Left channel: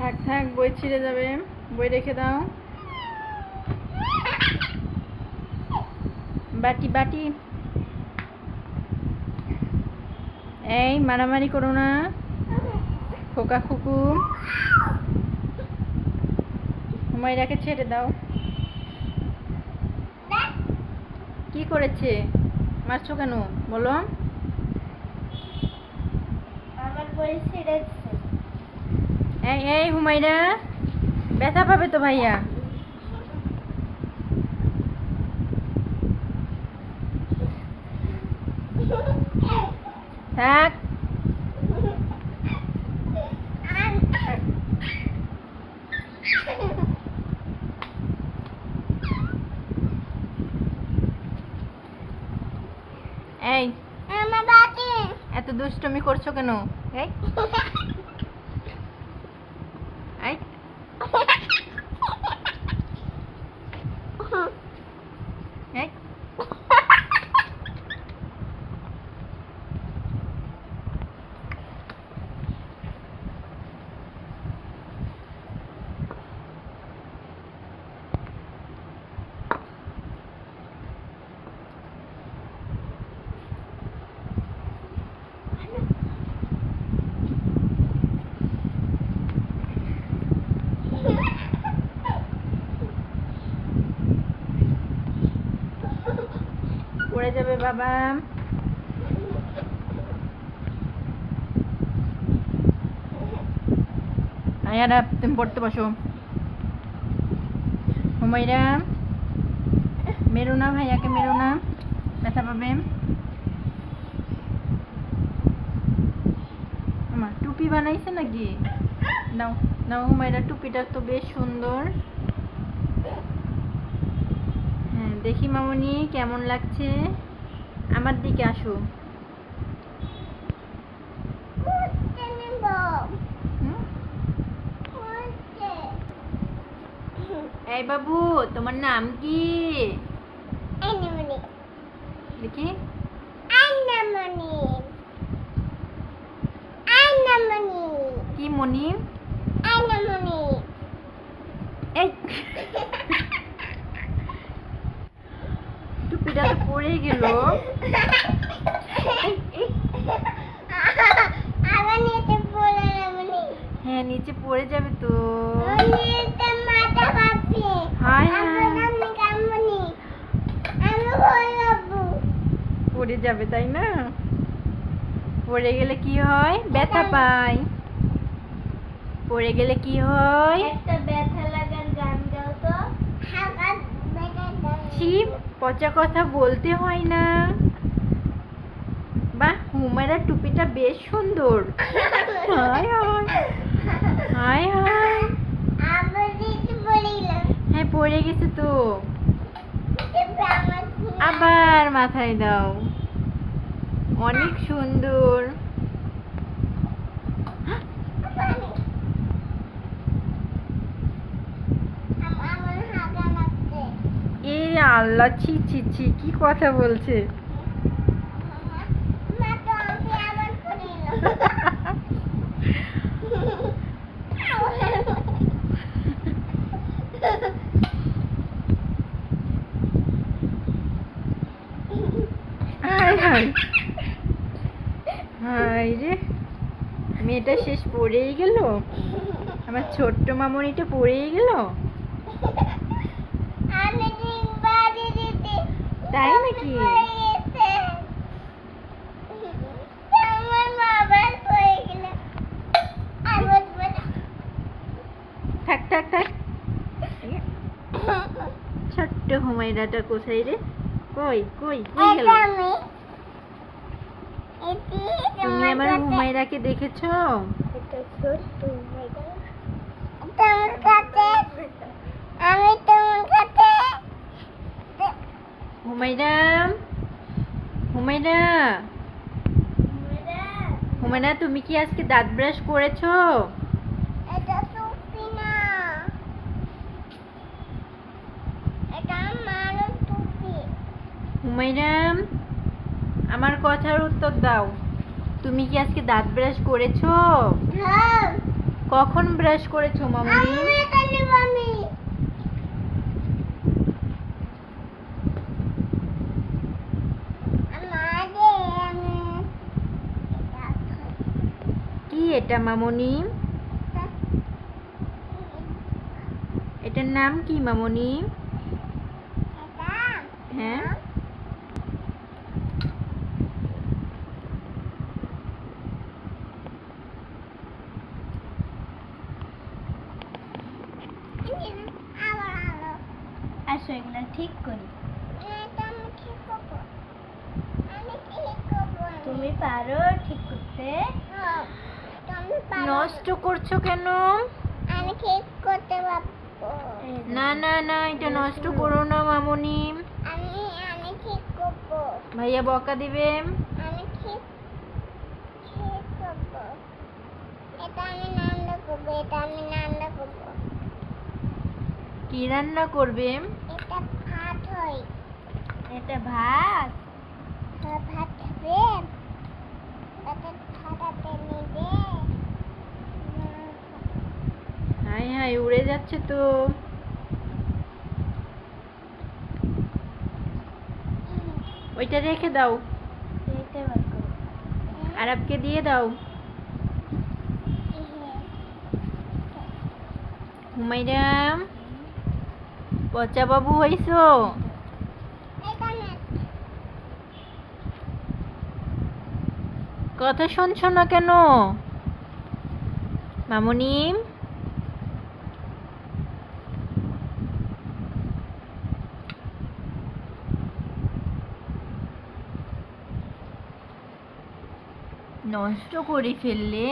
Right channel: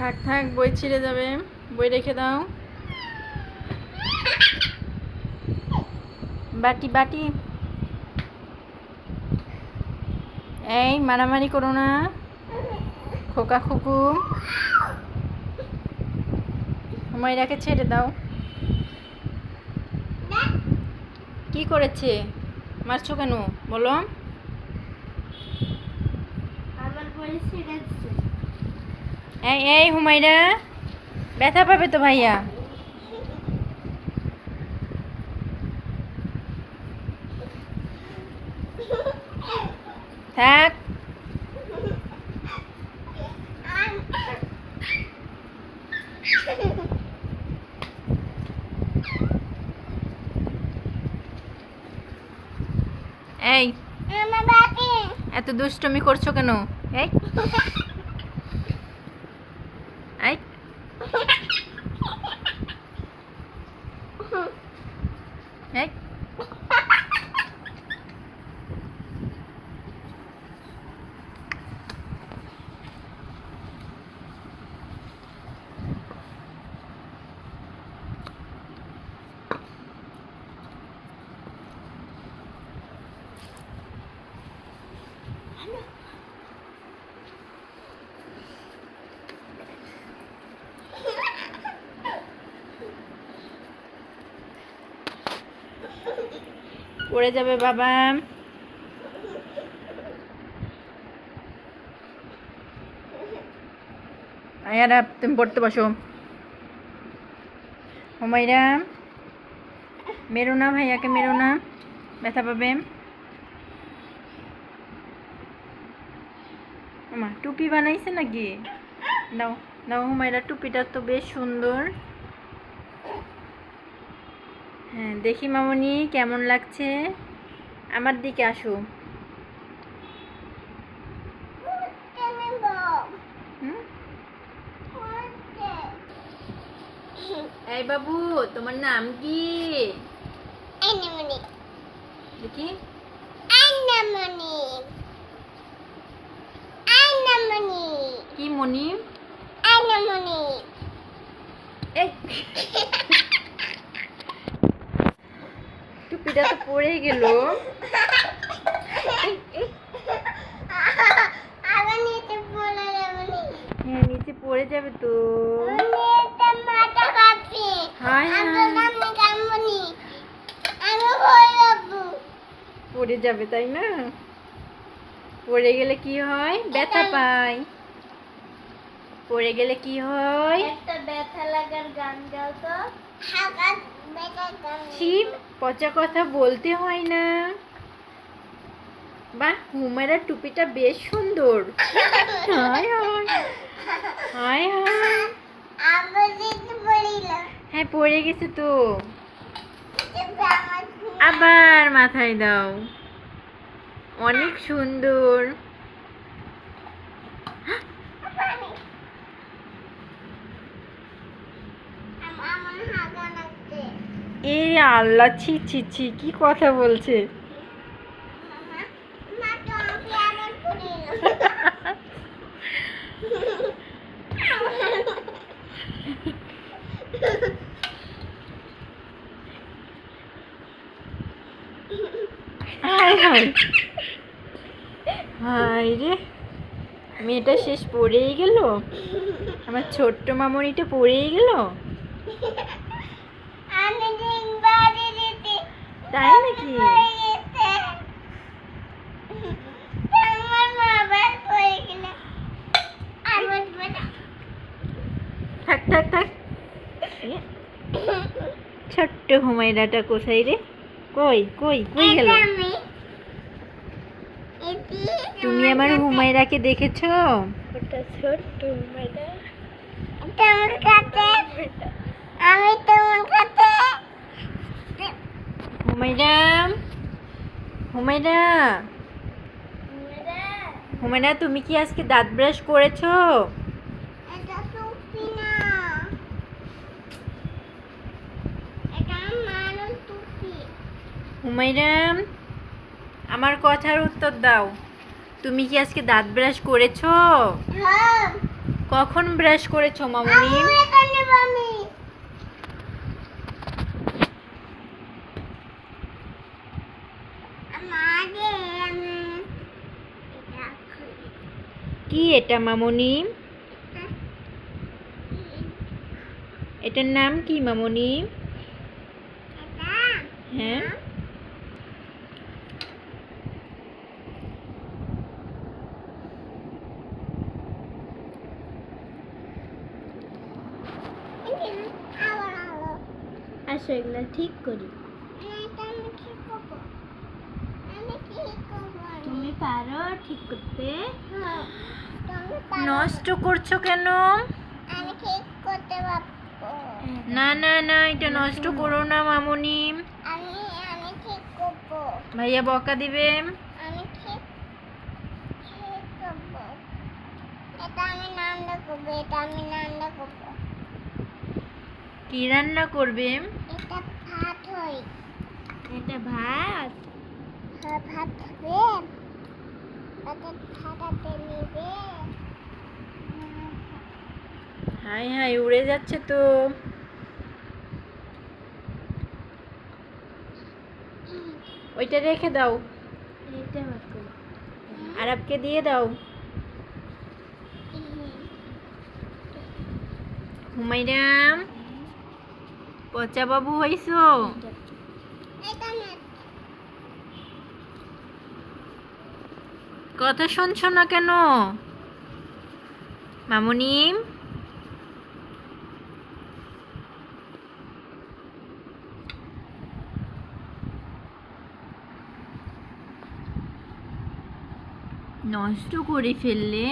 থাক থাক, বই ছিঁড়ে যাবে। বই রেখে দাও। বাটি বাটি। এই, মারামারি করো না। খোকা খুকু। হুমায়রাকে ছেড়ে দাও। কি করেছে? মারছো কেন? বলো। আমার ছিঁড়েছে। এই এই হুমায়রা। ব্যথা পাবে তো ভাইয়া। থাক। এই। এত দুষ্টমি করছ কেন? এই। এই পড়ে যাবে বাবা। আয়ারা, তুমি পড়তে বসো। হুমাইরা মেরো না, ভাইয়াকে মেরো না, ব্যথা পাবে। টুপি বানাইছে নাকি? দাও দাও হুমাইরা টুপিটা তো বেশ সুন্দর। হ্যাঁ দেখি মামনি কেমন লাগছে? আমার দিকে আসো। এই বাবু তোমার নাম কি? দেখি। কি মনি? এই। টুপিটা তো পড়ে গেল হ্যাঁ নিচে পড়ে যাবে তো। হায় হায়। পড়ে যাবে। তাই না? পড়ে গেলে কি হয়? ব্যথা পায় পড়ে গেলে কি হয়? একটা ব্যথা লাগার গান গাও তো। গান শিব, পচা কথা বলতে হয় না। বাহ হুমায়রা টুপিটা বেশ সুন্দর। হায় হায়। হ্যাঁ পড়ে গেছে তো। আবার মাথায় দাও। অনেক সুন্দর আমার হাগা লাগছে এই আল্লাহ, ছি ছি ছি, কি কথা বলছে? রে। মেয়েটা শেষ পড়েই গেল? আমার ছোট্ট মামনিটা পড়েই গেল? তাই নাকি? থাক থাক থাক। ছোট্ট হুমায়রাটা কোথায় রে? কই কই কই গেল? তুমি আমার হুমায়রাকে দেখেছ? ছোট্ট আমি তোমার কাছে হুমায়রা হুমায়রা হুমায়রা তুমি কি আজকে দাঁত ব্রাশ করেছ? টুপি হুমায়রা আমার কথার উত্তর দাও। তুমি কি আজকে দাঁত ব্রাশ করেছ? হ্যাঁ। কখন ব্রাশ করেছ মামনি আমি এখানে বানি মাঝে আমি এটা খাই কি এটা, মামনি? এটার নাম কি, মামনি? হ্যাঁ? আসো এগুলো ঠিক করি। তুমি পারো ঠিক করতে? নষ্ট করছ কেন? না না না এটা নষ্ট করো না মামনি। আমি আমি ঠিক করব। ভাইয়া বকা দিবে। কি রান্না করবে? এটা ভাত হয়। এটা ভাত? হ্যাঁ ভাত হাই হাই, উড়ে যাচ্ছে তো। ওইটা রেখে দাও। আরবকে দিয়ে দাও। হুমাইরাম পচা বাবু হইছো এটা না কথা শুনছো না কেন? মামনি? নষ্ট করে ফেললে?